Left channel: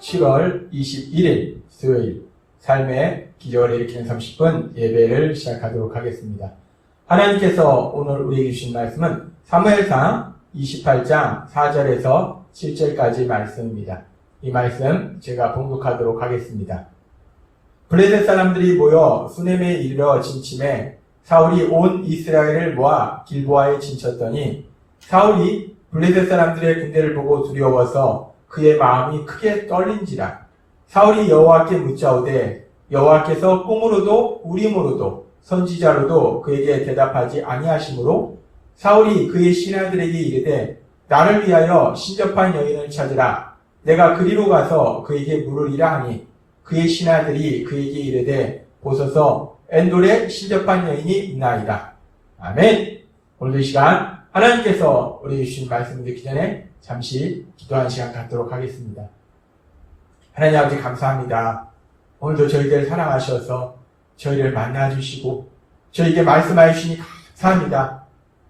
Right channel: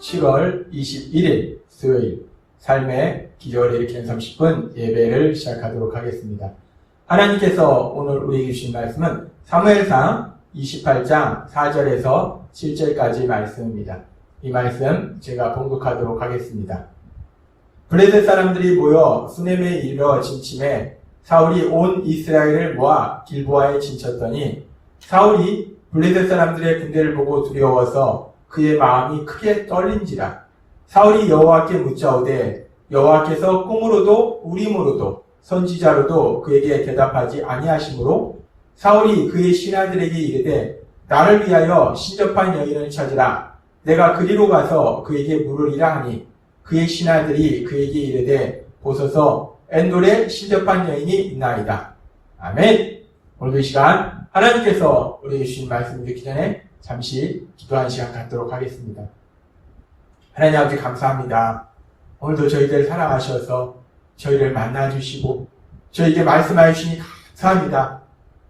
7월 21일 수요일 삶의 기적을 일으키는 30분 예배를 시작하도록 하겠습니다. 하나님께서 오늘 우리에게 주신 말씀은 사무엘상 28장 4절에서 7절까지 말씀입니다. 이 말씀 제가 봉독하도록 하겠습니다. 블레셋 사람들이 모여 수넴에 이르러 진침해 사울이 온 이스라엘을 모아 길보아에 진쳤더니 사울이 블레셋 사람들의 군대를 보고 두려워서 그의 마음이 크게 떨린지라. 사울이 여호와께 묻자오되 여호와께서 꿈으로도 우림으로도 선지자로도 그에게 대답하지 아니하시므로 사울이 그의 신하들에게 이르되 나를 위하여 신접한 여인을 찾으라. 내가 그리로 가서 그에게 물으리라 하니 그의 신하들이 그에게 이르되 보소서 엔돌에 신접한 여인이 있나이다. 아멘. 오늘 이 시간 하나님께서 우리에게 주신 말씀을 듣기 전에 잠시 기도한 시간 갖도록 하겠습니다. 하나님 아버지 감사합니다. 오늘도 저희들 사랑하셔서 저희를 만나주시고 저희에게 말씀하여 주시니 감사합니다.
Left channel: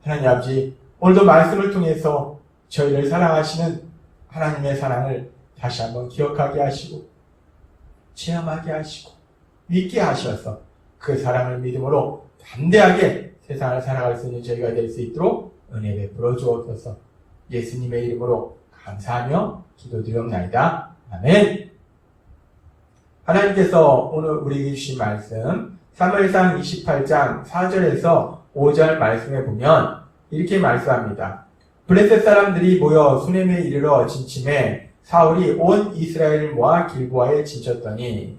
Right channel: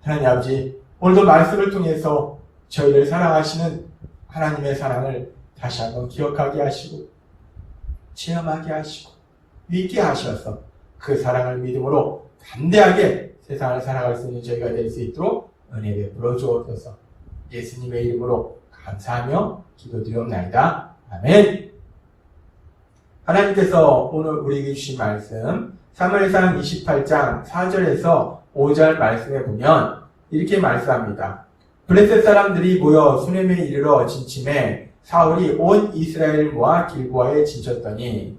하나님 아버지 오늘도 말씀을 통해서 저희를 사랑하시는 하나님의 사랑을 다시 한번 기억하게 하시고 체험하게 하시고 믿게 하셔서 그 사랑을 믿음으로 담대하게 세상을 살아갈 수 있는 저희가 될 수 있도록 은혜 베풀어 주옵소서. 예수님의 이름으로 감사하며 기도드리옵나이다. 아멘. 하나님께서 오늘 우리에게 주신 말씀 사무엘상 28장 4절에서 5절 말씀에 보면 이렇게 말씀합니다. 블레셋 사람들이 모여 수넴에 이르러 진침해 사울이 온 이스라엘을 모아 길보아에 진쳤더니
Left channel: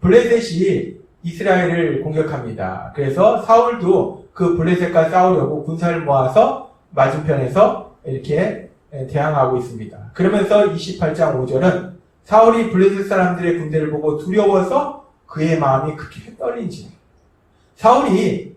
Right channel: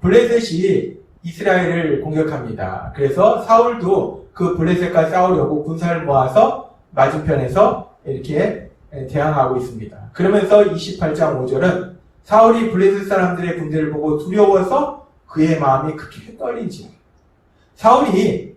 블레셋이 이스라엘을 공격합니다. 그래서 사울도 그 블레셋과 싸우려고 군사를 모아서 맞은편에서 이렇게 대항하고 있습니다. 그러면서 28장 5절은 사울이 블레셋 사람들의 군대를 보고 두려워서 그의 마음이 크게 떨린지라. 사울이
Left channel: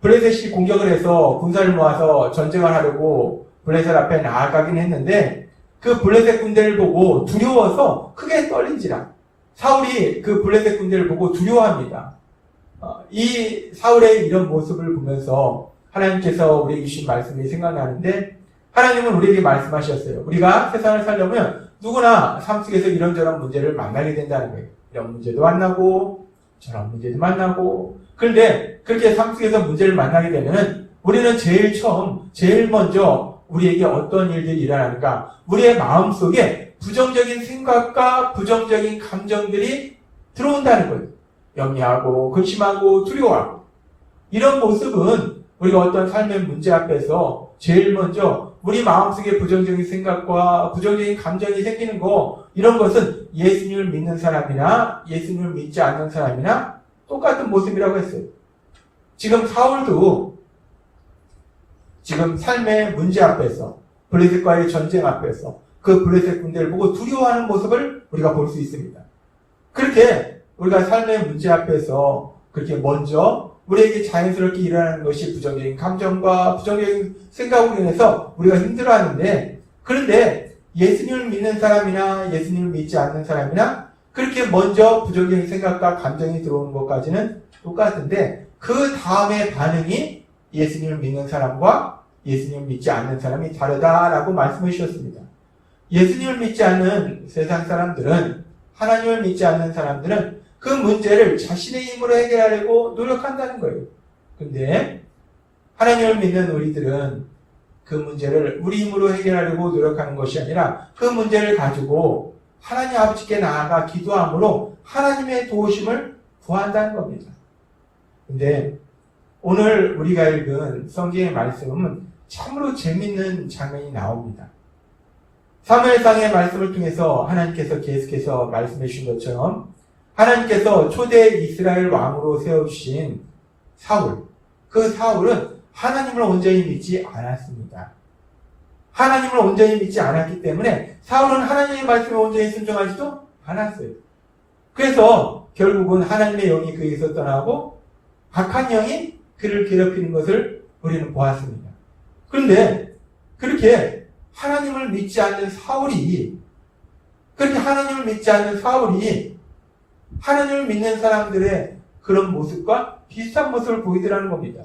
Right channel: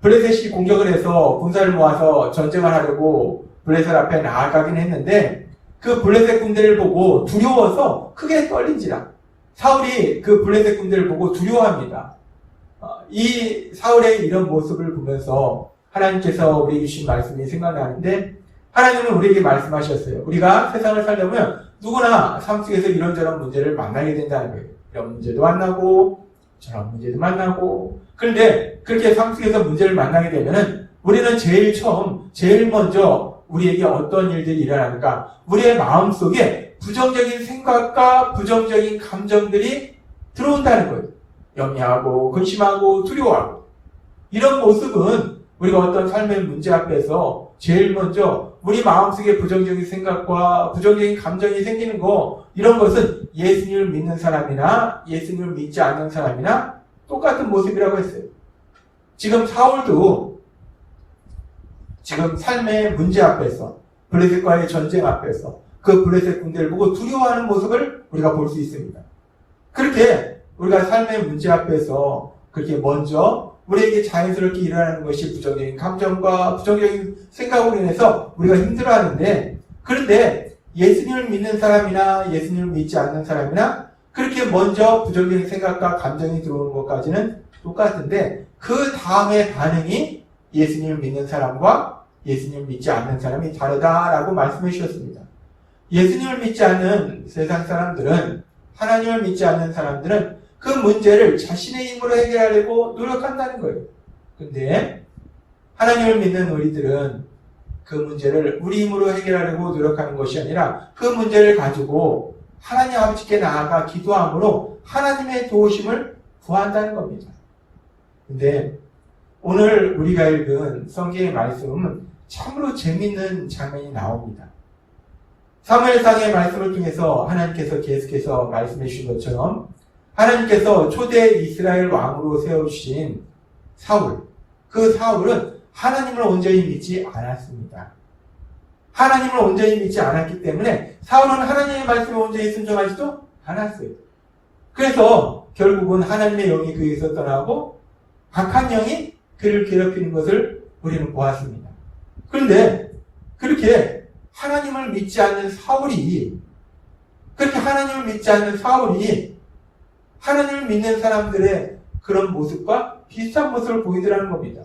블레셋이 공격을 해서 군사를 모아서 전쟁을 하려고 블레셋 앞에 나아가긴 했는데 그 블레셋 군대를 보고 두려워서 크게 떨린지라. 사울이 그 블레셋 군대를 보고 두려워합니다. 이 사울의 이런 모습을 보면서 하나님께서 우리에게 주신 말씀이 생각나는데 하나님은 우리에게 말씀하셨어요. 우리가 세상을 살려면 누구나 삶 속에서 이런저런 문제를 만나게 된다는 거예요. 이런 문제도 만나고 저런 문제도 만나고 그런데 그렇게 삶 속에서 문제를 만나게 되면 우리는 제일 먼저 우리에게 어떤 일들이 일어나는가 우리의 마음속에 부정적인 생각과 부정적인 감정들이 들어온다는 거예요. 염려하고 근심하고 두려워하고 이런 모습은 우리가 어떤 삶의 문제 앞에서 제일 먼저 우리 마음속에 부정적인 생각과 부정적인 감정이 생기는 거 이런 것은 예수님을 믿는 사람이나 예수님을 믿지 않는 사람이나 똑같은 모습이라고 했어요. 지금 사울도 지금 삶의 문제 앞에서 블레셋과의 전쟁 앞에서 그 블레셋 군대를 보고 두려워하는 모습을 우리가 볼 수 있습니다. 그렇게 우리가 삶의 문제 앞에서 그렇게 먼저 우리에게 자연스럽게 일어나는 것이 부정적인 감정과 부정적인 생각으로 인해서 우리가 힘들어하는데 그런데 예수님을 믿는 사람이나 예수님을 믿지 않는 사람이나 그렇게 먼저 부정적인 생각과 감정이 들어오는 것까지는 똑같은데 그 다음의 반응이 예수님을 믿는 사람과 예수님을 믿지 않는 사람이 다르다라고 말씀해 주셨습니다. 예수님을 믿지 않는 세상 사람들은 하나님을 믿지 않는 사람들은 그 문제를 자신의 힘으로 해결하려고 노력한다는 거예요. 그런데 하나님을 믿는 우리들은 그 문제를 우리 힘으로 해결하려고 노력하는 것이 아니라 그 문제를 가지고 하나님 아버지께 나아가 기도함으로 하나님의 도우심을 구한다는 겁니다. 그런데 오늘 우리가 읽은 성경의 말씀은 참으로 재밌는 장면이 나옵니다. 사무엘상의 말씀을 통해서 하나님께서 계속해서 말씀해 주신 것처럼 하나님께서 초대 이스라엘 왕으로 세워주신 사울, 그 사울은 하나님을 온전히 믿지 않았습니다. 하나님을 온전히 믿지 않았기 때문에 사울은 하나님의 말씀에 온전히 순종하지도 않았어요. 그래서 결국은 하나님의 영이 그에게서 떠나고 악한 영이 그를 괴롭히는 것을 우리는 보았습니다. 그런데 그렇게 하나님을 믿지 않는 사울이 하나님을 믿는 사람들의 그런 모습과 비슷한 모습을 보이더라는 겁니다.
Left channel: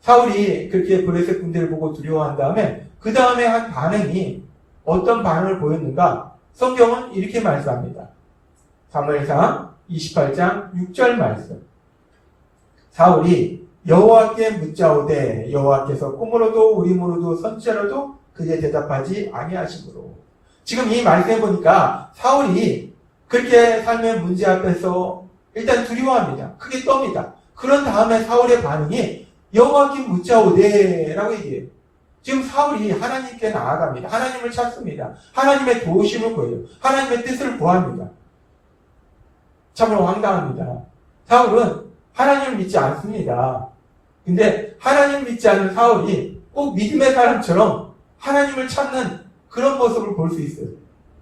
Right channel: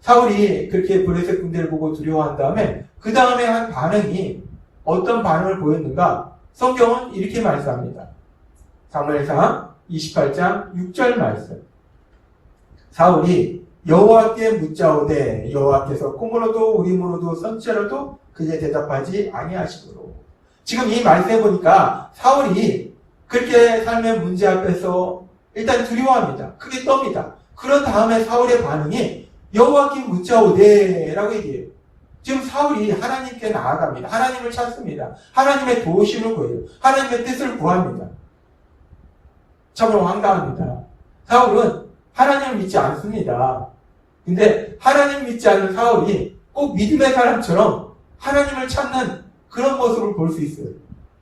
사울이 그렇게 블레셋 군대를 보고 두려워한 다음에 그 다음에 한 반응이 어떤 반응을 보였는가? 성경은 이렇게 말씀합니다. 사무엘상 28장 6절 말씀. 사울이 여호와께 묻자오되 여호와께서 꿈으로도 우림으로도 선지자로도 그에게 대답하지 아니하시므로. 지금 이 말씀해 보니까 사울이 그렇게 삶의 문제 앞에서 일단 두려워합니다. 크게 떱니다. 그런 다음에 사울의 반응이 여호와께 묻자오되 라고 얘기해요. 지금 사울이 하나님께 나아갑니다. 하나님을 찾습니다. 하나님의 도우심을 구해요. 하나님의 뜻을 구합니다. 참으로 황당합니다. 사울은 하나님을 믿지 않습니다. 근데 하나님을 믿지 않는 사울이 꼭 믿음의 사람처럼 하나님을 찾는 그런 모습을 볼 수 있어요.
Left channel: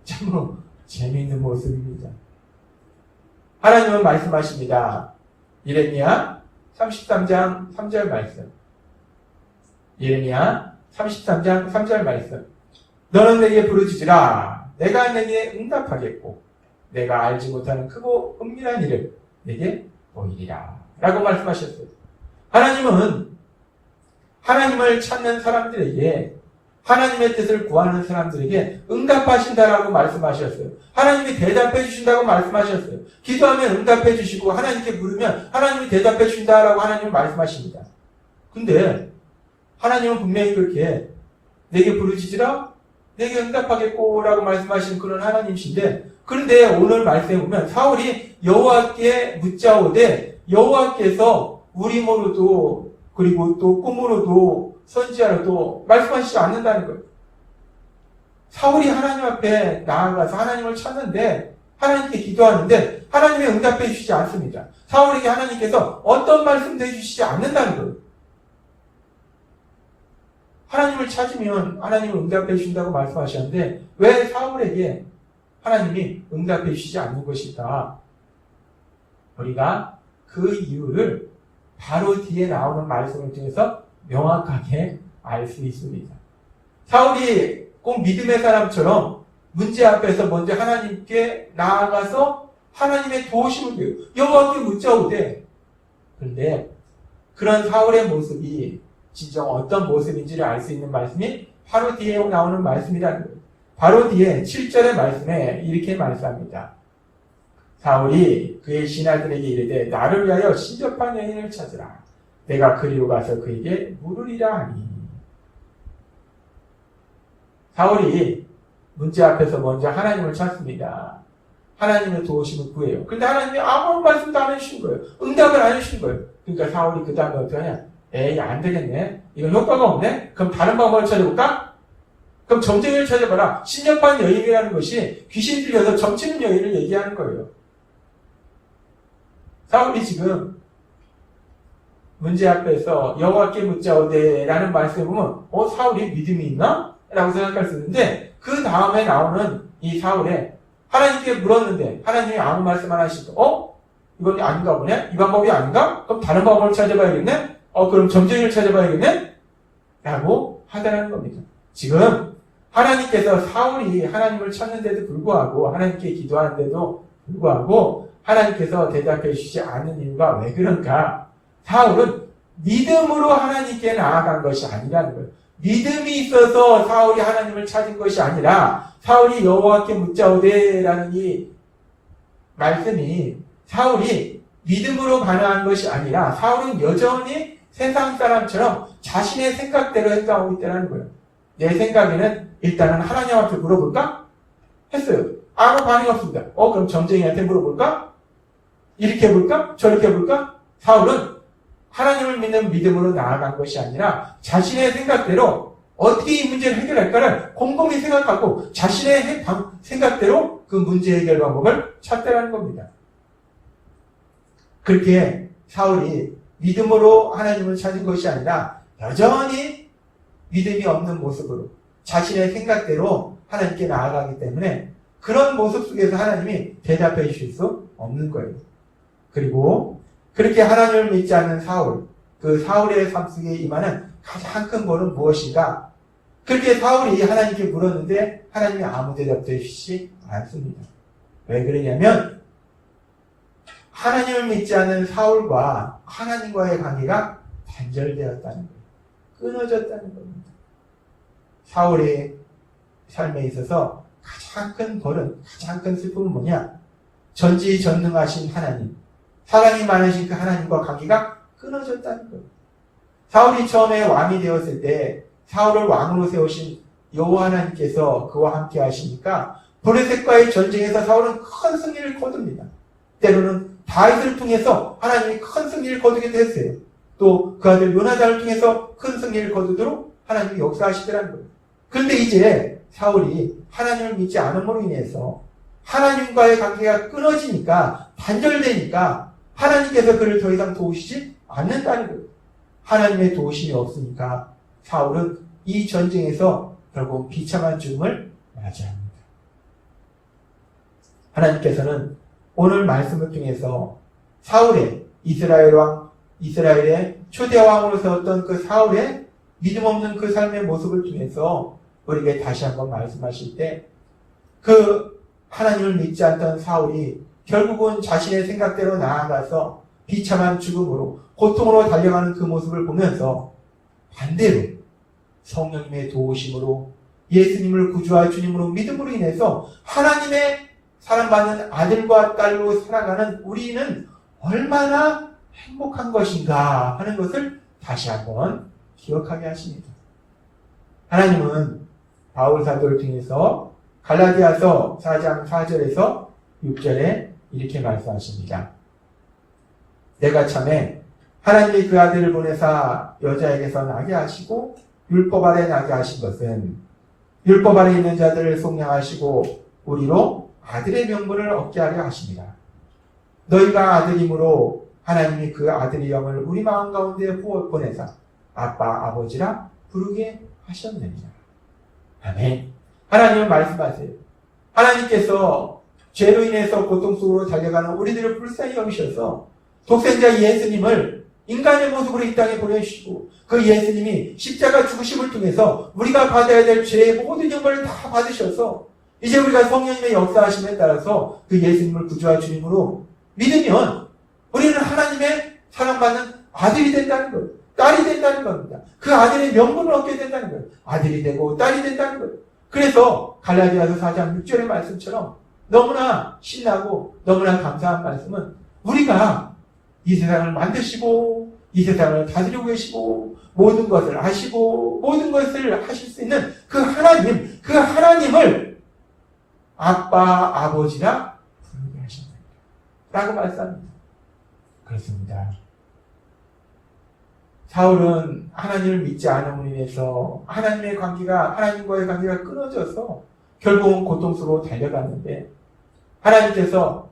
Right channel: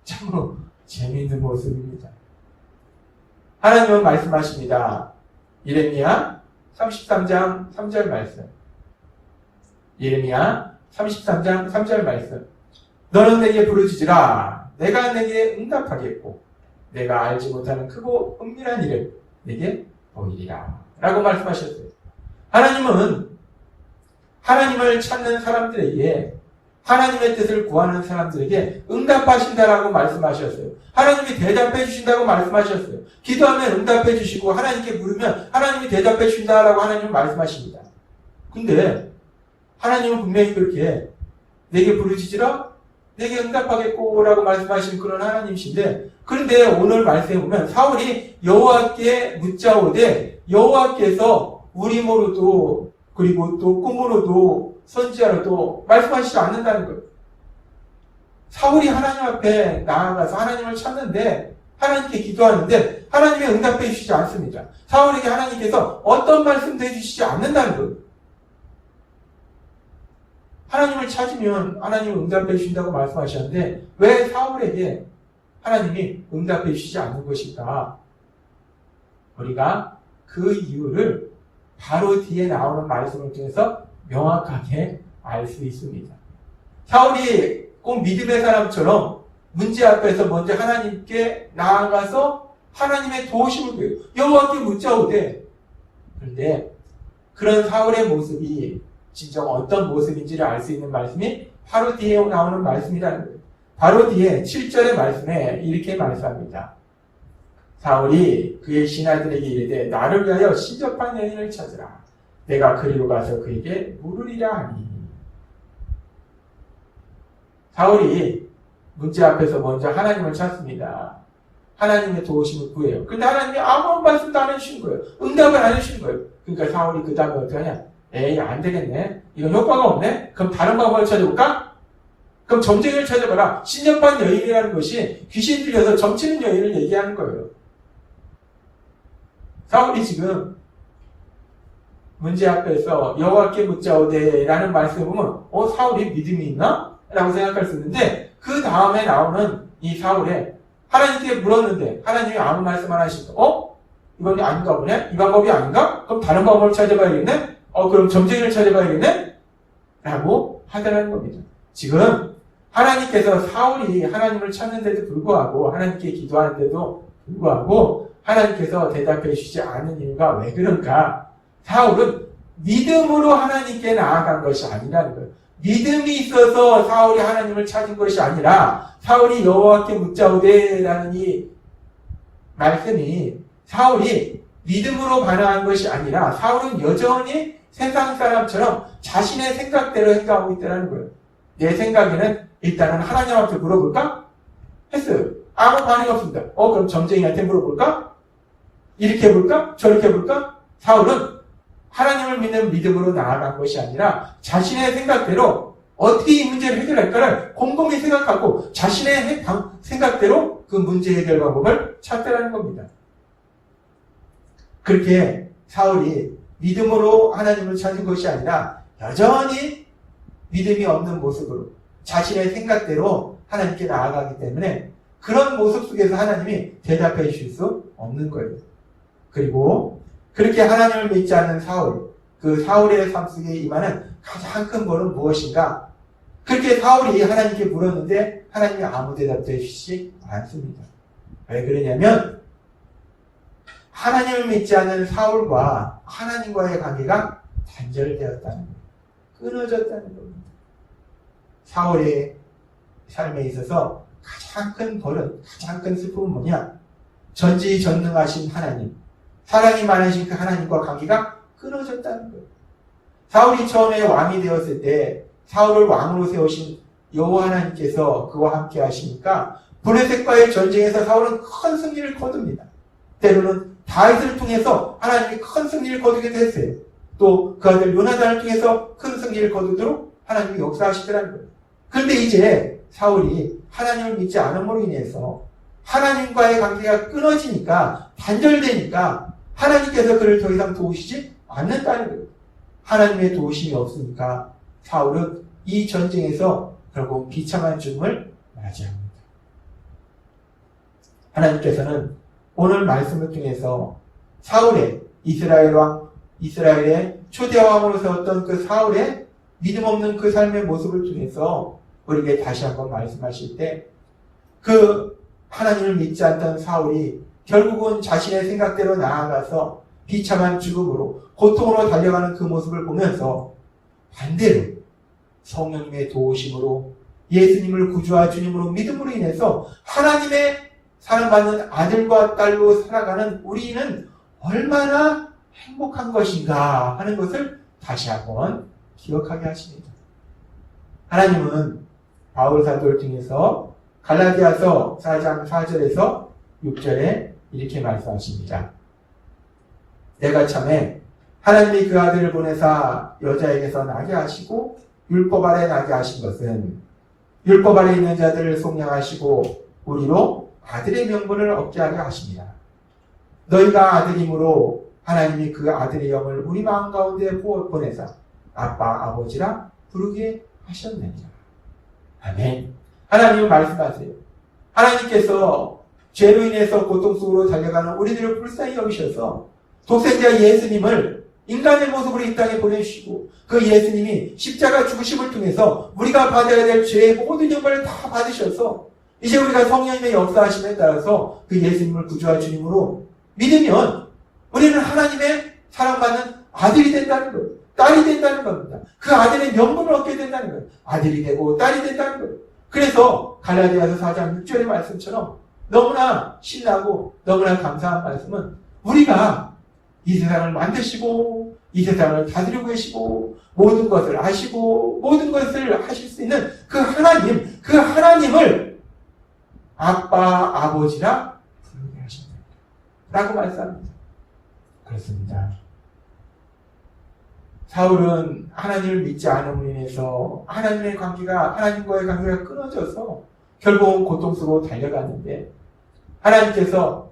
참으로 재미있는 모습입니다. 하나님은 말씀하십니다. 예레미야 33장 3절 말씀. 예레미야 33장 3절 말씀. 너는 내게 부르짖으라. 내가 내게 응답하겠고 내가 알지 못하는 크고 은밀한 일을 내게 보이리라. 라고 말씀하셨어요. 하나님은 하나님을 찾는 사람들에게, 하나님의 뜻을 구하는 사람들에게 응답하신다라고 말씀하셨어요. 하나님이 대답해 주신다고 말씀하셨어요. 기도하면 응답해 주시고 하나님께 물으면 하나님이 대답해 주신다라고 하나님은 말씀하십니다. 근데 하나님은 분명히 그렇게 내게 부르짖으라 내게 응답하겠고 라고 말씀하신 그런 하나님이신데, 그런데 오늘 말씀에 보면 사울이 여호와께 묻자오되 여호와께서 우림으로도 그리고 또 꿈으로도 선지자로도 말씀하시지 않는다는 거예요. 사울이 하나님 앞에 나아가서 하나님을 찾는데, 하나님께 기도하는데 하나님이 응답해 주시지 않습니다. 사울에게 하나님께서 어떤 말씀도 해주시지 않는다는 거예요. 하나님을 찾으면 하나님을 응답해 주신다고 말씀하셨는데 왜 사울에게 하나님이 응답해 주시지 않는 것일까? 우리가 그 이유를 바로 뒤에 나오는 말씀을 통해서 명확하게 알 수 있습니다. 사울이 꼭 믿음의 사람처럼 문제 앞에서 먼저 하나님께 나아가서 하나님의 도우심을 구해요. 여호와께 묻자오되. 그런데 그런 사울의 모습이 진정 어떤 모습인지를 알 수 있는 말씀이 바로 뒤에 나오는 말씀이라는 거예요. 바로 뒤에 7절의 말씀에 이렇게 말씀합니다. 사울이 그의 신하들에게 이르되 나를 위하여 신접한 여인을 찾으라. 내가 그리로 가서 그에게 물으리라 하니. 사울이 문제 앞에서 먼저 하나님을 찾습니다. 하나님의 도우심을 구해요. 근데 하나님이 아무런 말씀도 안 해주신 거예요. 응답을 안 해주신 거예요. 그러니까 사울이 그 다음에 어떻게 하냐? 에이, 안 되겠네. 이건 효과가 없네. 그럼 다른 방법을 찾아볼까? 그럼 점쟁이를 찾아봐라. 신접한 여인이라는 것이 귀신 들려서 점치는 여인을 얘기하는 거예요. 사울이 지금 문제 앞에서 여호와께 묻자오되 라는 말씀을 보면 사울이 믿음이 있나? 라고 생각할 수 있는데 그 다음에 나오는 이 사울에 하나님께 물었는데 하나님이 아무 말씀 안 하시니까 이건 아닌가 보네? 이 방법이 아닌가? 그럼 다른 방법을 찾아봐야겠네? 그럼 점쟁이를 찾아봐야겠네? 라고 하더라는 겁니다. 지금 하나님께서 사울이 하나님을 찾는데도 불구하고 하나님께 기도하는데도 불구하고 하나님께서 대답해 주시지 않는 이유가 왜 그런가? 사울은 믿음으로 하나님께 나아간 것이 아니라는 거예요. 믿음이 있어서 사울이 하나님을 찾은 것이 아니라 사울이 여호와께 묻자오되라는 이 말씀이 사울이 믿음으로 반응한 것이 아니라 사울은 여전히 세상 사람처럼 자신의 생각대로 행동하고 있다는 거예요. 내 생각에는 일단은 하나님 앞에 물어볼까? 했어요. 아무 반응이 없습니다. 그럼 점쟁이한테 물어볼까? 이렇게 해볼까? 저렇게 해볼까? 사울은 하나님을 믿는 믿음으로 나아간 것이 아니라 자신의 생각대로 어떻게 이 문제를 해결할까를 곰곰이 생각하고 자신의 생각대로 그 문제 해결 방법을 찾더라는 겁니다. 그렇게 사울이 믿음으로 하나님을 찾은 것이 아니라 여전히 믿음이 없는 모습으로 자신의 생각대로 하나님께 나아가기 때문에 그런 모습 속에서 하나님이 대답해 주실 수 없는 거예요. 그리고 그렇게 하나님을 믿지 않는 사울, 그 사울의 삶 속에 임하는 가장 큰 벌은 무엇인가? 그렇게 사울이 하나님께 물었는데 하나님이 아무 대답도 해주시지 않습니다. 왜 그러냐면 하나님을 믿지 않는 사울과 하나님과의 관계가 단절되었다는 거예요. 끊어졌다는 겁니다. 사울의 삶에 있어서 가장 큰 벌은, 가장 큰 슬픔은 뭐냐? 전지전능하신 하나님, 사랑이 많으신 그 하나님과 관계가 끊어졌다는 거예요. 사울이 처음에 왕이 되었을 때 사울을 왕으로 세우신 여호와 하나님께서 그와 함께 하시니까 블레셋과의 전쟁에서 사울은 큰 승리를 거둡니다. 때로는 다윗을 통해서 하나님이 큰 승리를 거두기도 했어요. 또 그 아들 요나단을 통해서 큰 승리를 거두도록 하나님이 역사하시더라는 거예요. 그런데 이제 사울이 하나님을 믿지 않음으로 인해서 하나님과의 관계가 끊어지니까, 단절되니까 하나님께서 그를 더 이상 도우시지 않는다는 거예요. 하나님의 도우심이 없으니까 사울은 이 전쟁에서 결국 비참한 죽음을 맞이합니다. 하나님께서는 오늘 말씀을 통해서 사울의 이스라엘의 초대왕으로 세웠던 그 사울의 믿음 없는 그 삶의 모습을 통해서 우리에게 다시 한번 말씀하실 때, 그 하나님을 믿지 않던 사울이 결국은 자신의 생각대로 나아가서 비참한 죽음으로, 고통으로 달려가는 그 모습을 보면서 반대로 성령님의 도우심으로 예수님을 구주와 주님으로 믿음으로 인해서 하나님의 사랑받는 아들과 딸로 살아가는 우리는 얼마나 행복한 것인가 하는 것을 다시 한번 기억하게 하십니다. 하나님은 바울 사도를 통해서 갈라디아서 4장 4절에서 6절에 이렇게 말씀하십니다. 내가 참에 하나님이 그 아들을 보내사 여자에게서 나게 하시고 율법 아래 나게 하신 것은 율법 아래 있는 자들을 속량하시고 우리로 아들의 명분을 얻게 하려 하십니다. 너희가 아들이므로 하나님이 그 아들의 영을 우리 마음 가운데 보내사 아빠 아버지라 부르게 하셨느니라. 아멘. 하나님은 말씀하세요. 하나님께서 죄로 인해서 고통 속으로 달려가는 우리들을 불쌍히 여기셔서 독생자 예수님을 인간의 모습으로 이 땅에 보내주시고, 그 예수님이 십자가 죽으심을 통해서 우리가 받아야 될 죄의 모든 영광을 다 받으셔서 이제 우리가 성령님의 역사하심에 따라서 그 예수님을 구주와 주님으로 믿으면 우리는 하나님의 사랑받는 아들이 된다는 거예요. 딸이 된다는 겁니다. 그 아들의 명분을 얻게 된다는 거예요. 아들이 되고 딸이 된다는 거예요. 그래서 갈라디아서 4장 6절의 말씀처럼 너무나 신나고 너무나 감사한 말씀은, 우리가 이 세상을 만드시고 이 세상을 다스리고 계시고 모든 것을 아시고 모든 것을 하실 수 있는 그 하나님, 그 하나님을 아빠, 아버지라 부르게 하신다 라고 말씀합니다. 그렇습니다. 사울은 하나님을 믿지 않음으로 인해서 하나님과의 관계가 끊어져서 결국은 고통스러워 달려갔는데, 하나님께서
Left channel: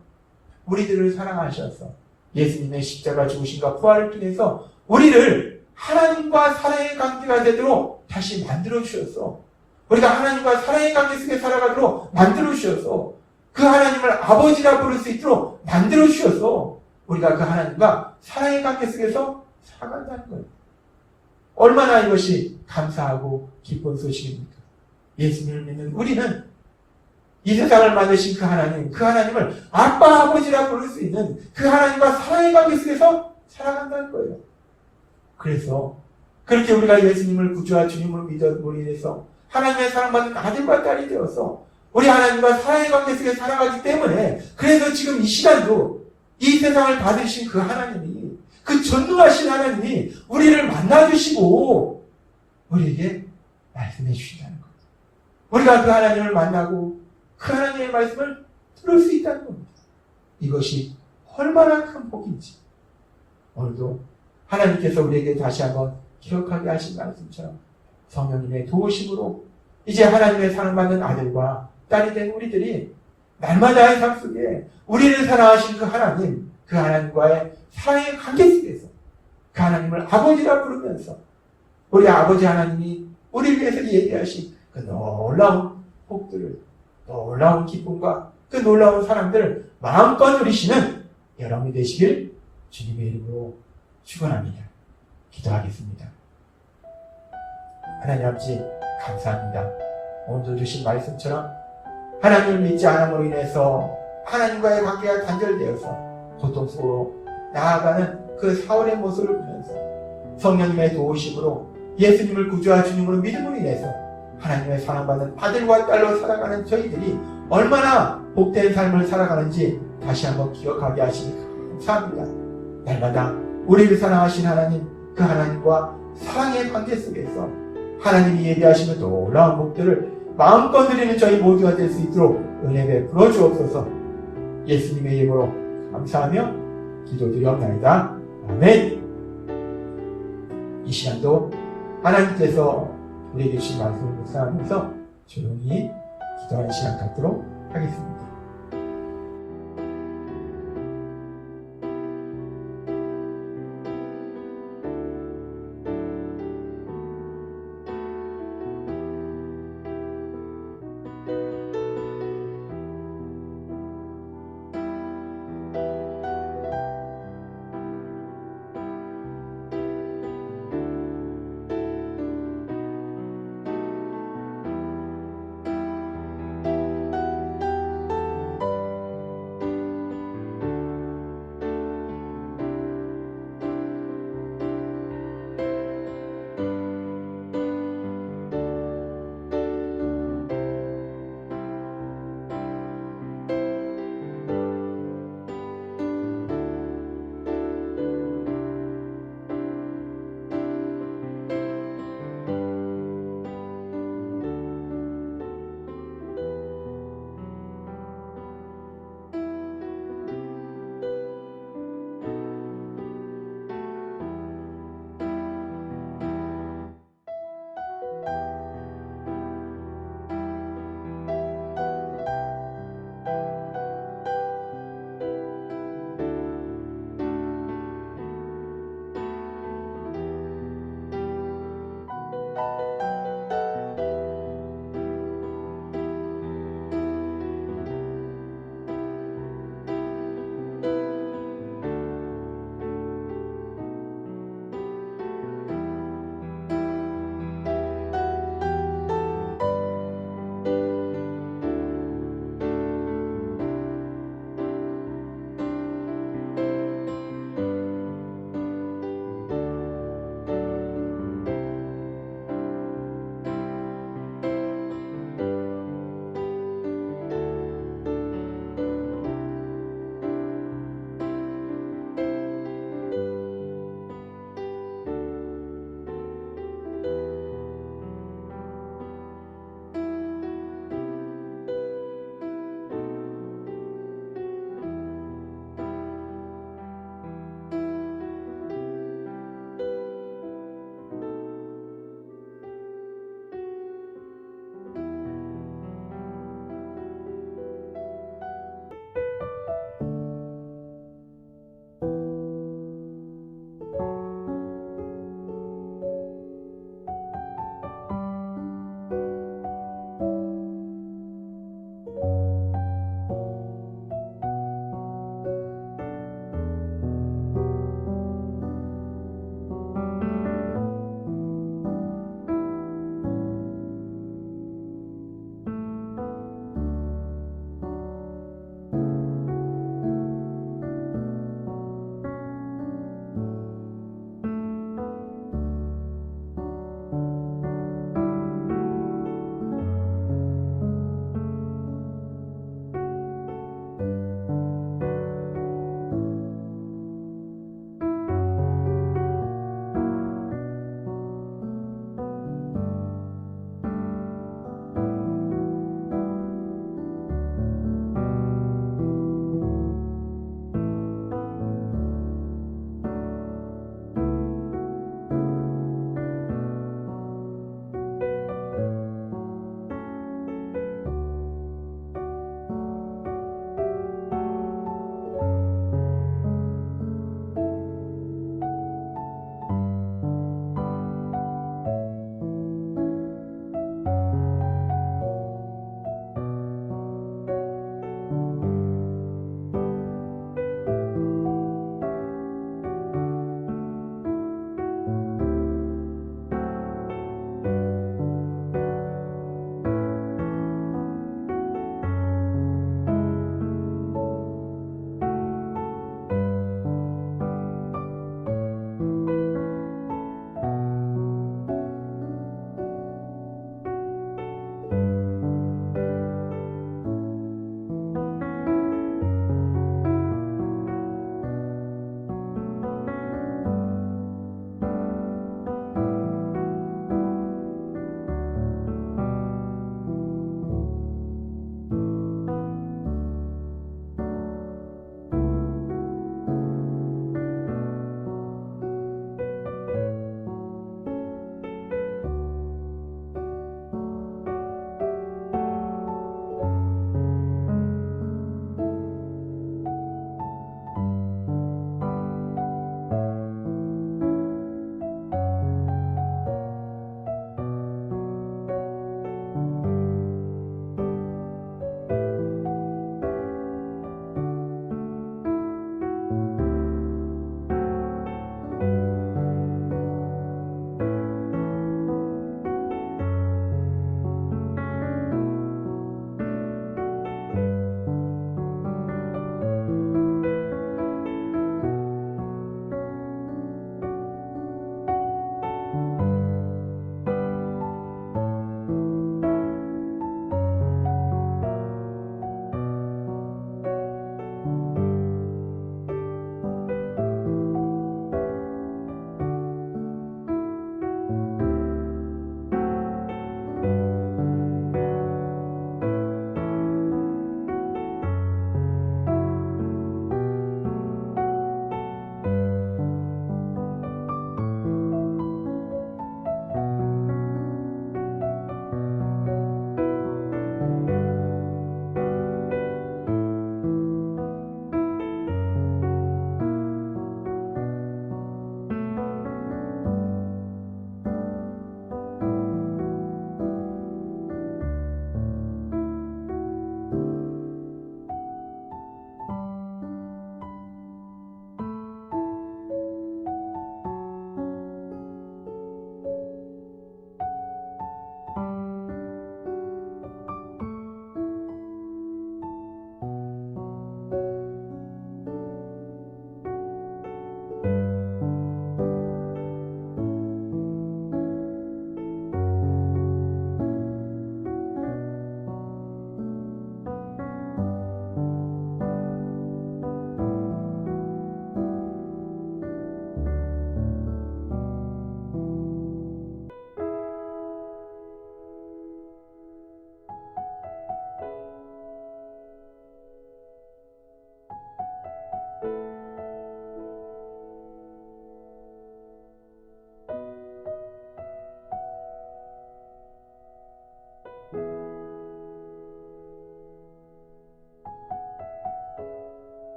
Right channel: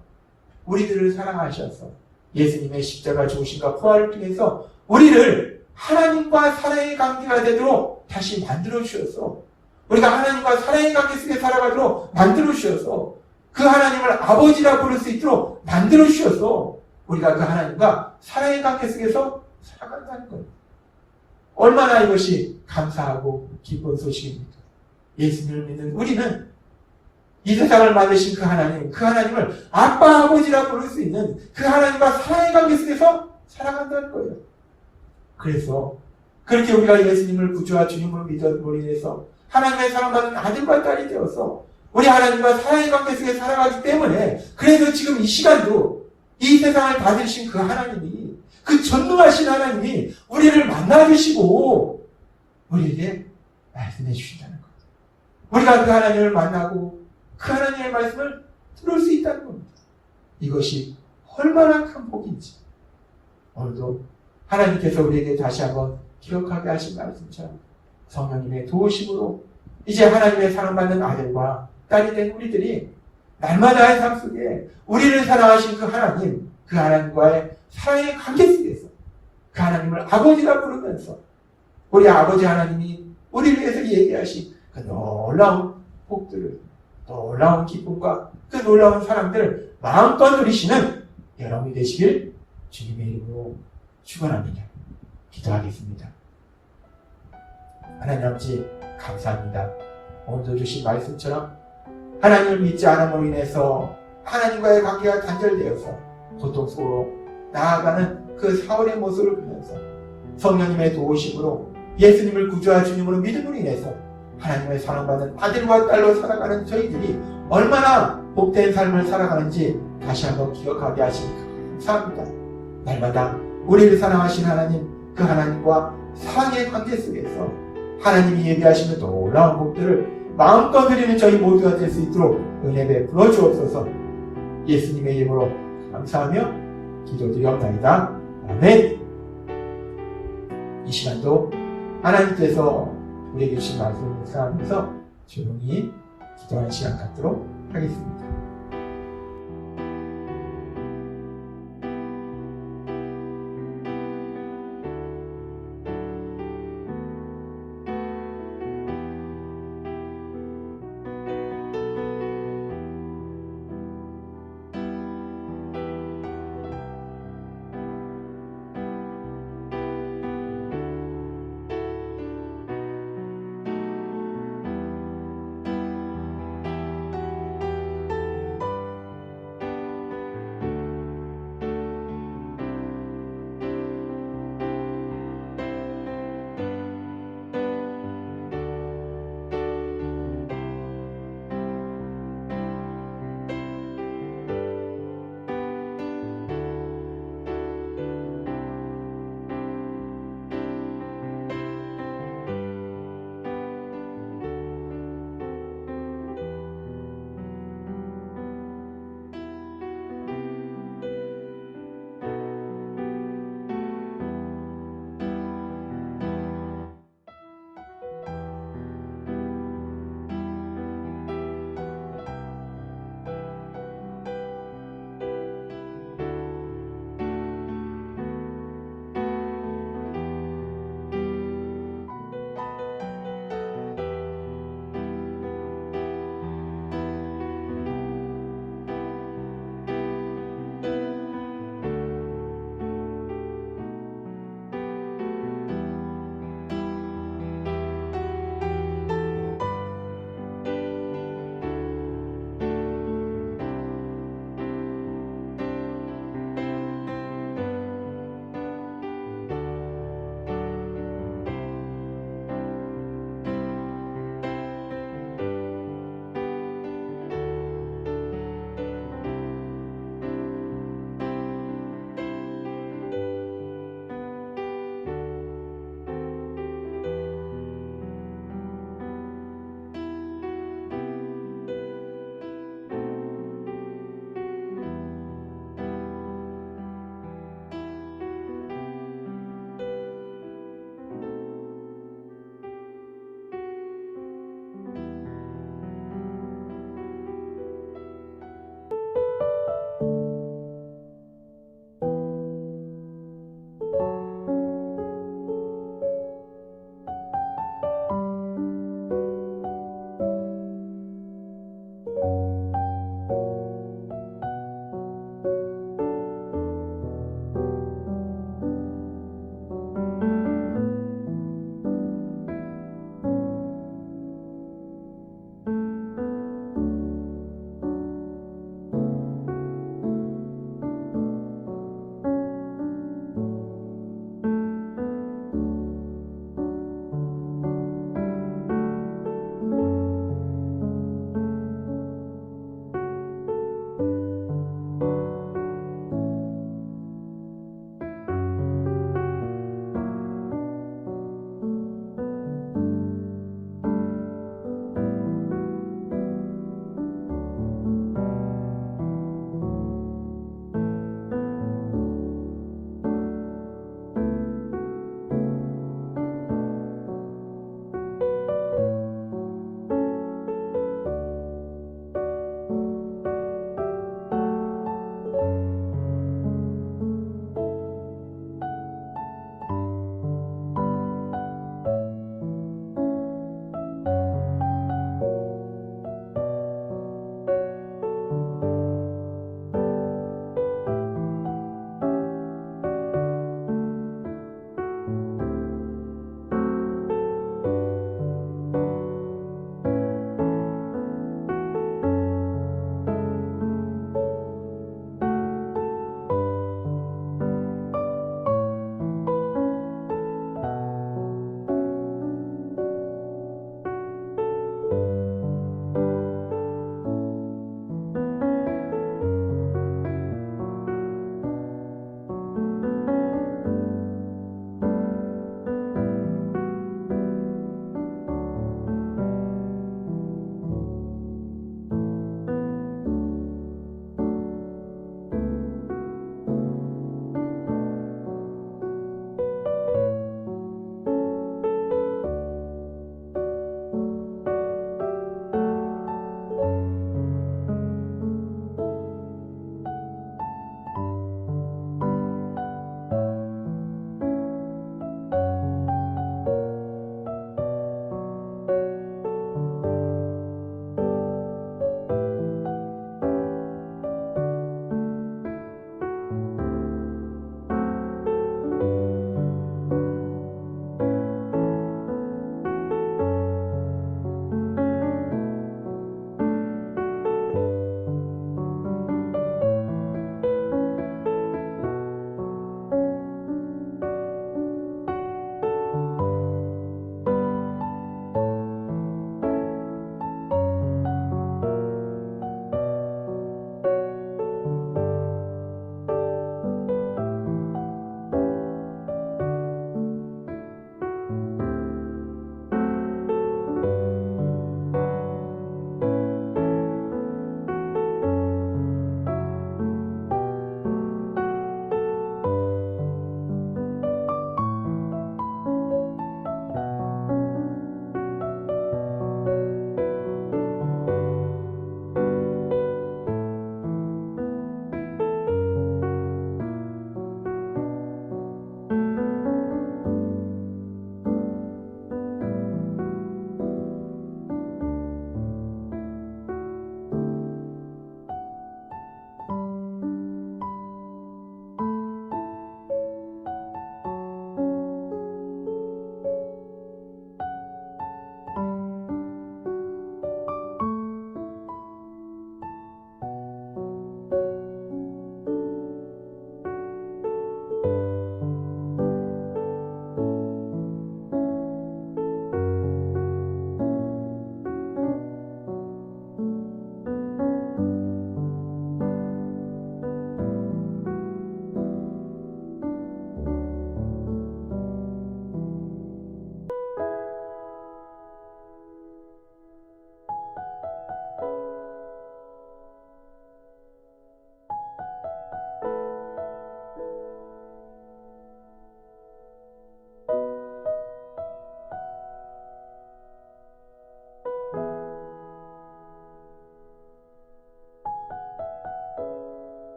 우리들을 사랑하셔서 예수님의 십자가 죽으심과 부활을 통해서 우리를 하나님과 사랑의 관계가 되도록 다시 만들어 주셔서, 우리가 하나님과 사랑의 관계 속에 살아가도록 만들어 주셔서, 그 하나님을 아버지라 부를 수 있도록 만들어 주셔서 우리가 그 하나님과 사랑의 관계 속에서 살아간다는 거예요. 얼마나 이것이 감사하고 기쁜 소식입니까? 예수님을 믿는 우리는 이 세상을 만드신 그 하나님을 아빠, 아버지라 부를 수 있는 그 하나님과 사랑의 관계 속에서 살아간다는 거예요. 그래서 그렇게 우리가 예수님을 구주와 주님으로 믿음으로 인해서 하나님의 사랑받는 아들과 딸이 되어서 우리 하나님과 사랑의 관계 속에 살아가기 때문에, 그래서 지금 이 시간도 이 세상을 다스리신 그 하나님이, 그 전능하신 하나님이 우리를 만나주시고 우리에게 말씀해 주신다는 거예요. 우리가 그 하나님을 만나고 그 하나님의 말씀을 들을 수 있다는 겁니다. 이것이 얼마나 큰 복인지 오늘도 하나님께서 우리에게 다시 한번 기억하게 하신 말씀처럼 성령님의 도우심으로 이제 하나님의 사랑받는 아들과 딸이 된 우리들이 날마다의 삶 속에 우리를 사랑하신 그 하나님과의 사랑의 관계 속에서 그 하나님을 아버지라 부르면서 우리 아버지 하나님이 우리를 위해서 얘기하신 그 놀라운 복들을, 놀라운 기쁨과 그 놀라운 사랑들을 마음껏 누리시는 여러분이 되시길 주님의 이름으로 축원합니다. 기도하겠습니다. 하나님 아버지 감사합니다. 오늘도 주신 말씀처럼 하나님을 믿지 않음으로 인해서 하나님과의 관계가 단절되어서 고통스러워 나아가는 그 사울의 모습을 보면서 성령님의 도우심으로 예수님을 구주와 주님으로 믿음으로 인해서 하나님의 사랑받는 아들과 딸로 살아가는 저희들이 얼마나 복된 삶을 살아가는지 다시 한번 기억하게 하시니 감사합니다. 날마다 우리를 사랑하신 하나님, 그 하나님과 사랑의 관계 속에서 하나님이 예비하시는 놀라운 복들을 마음껏 누리는 저희 모두가 될 수 있도록 은혜 베풀어 주옵소서. 예수님의 이름으로 감사하며 기도드리옵나이다. 아멘. 이 시간도 하나님께서 우리에게 주신 말씀을 묵상하면서 조용히 기도하는 시간 갖도록 하겠습니다.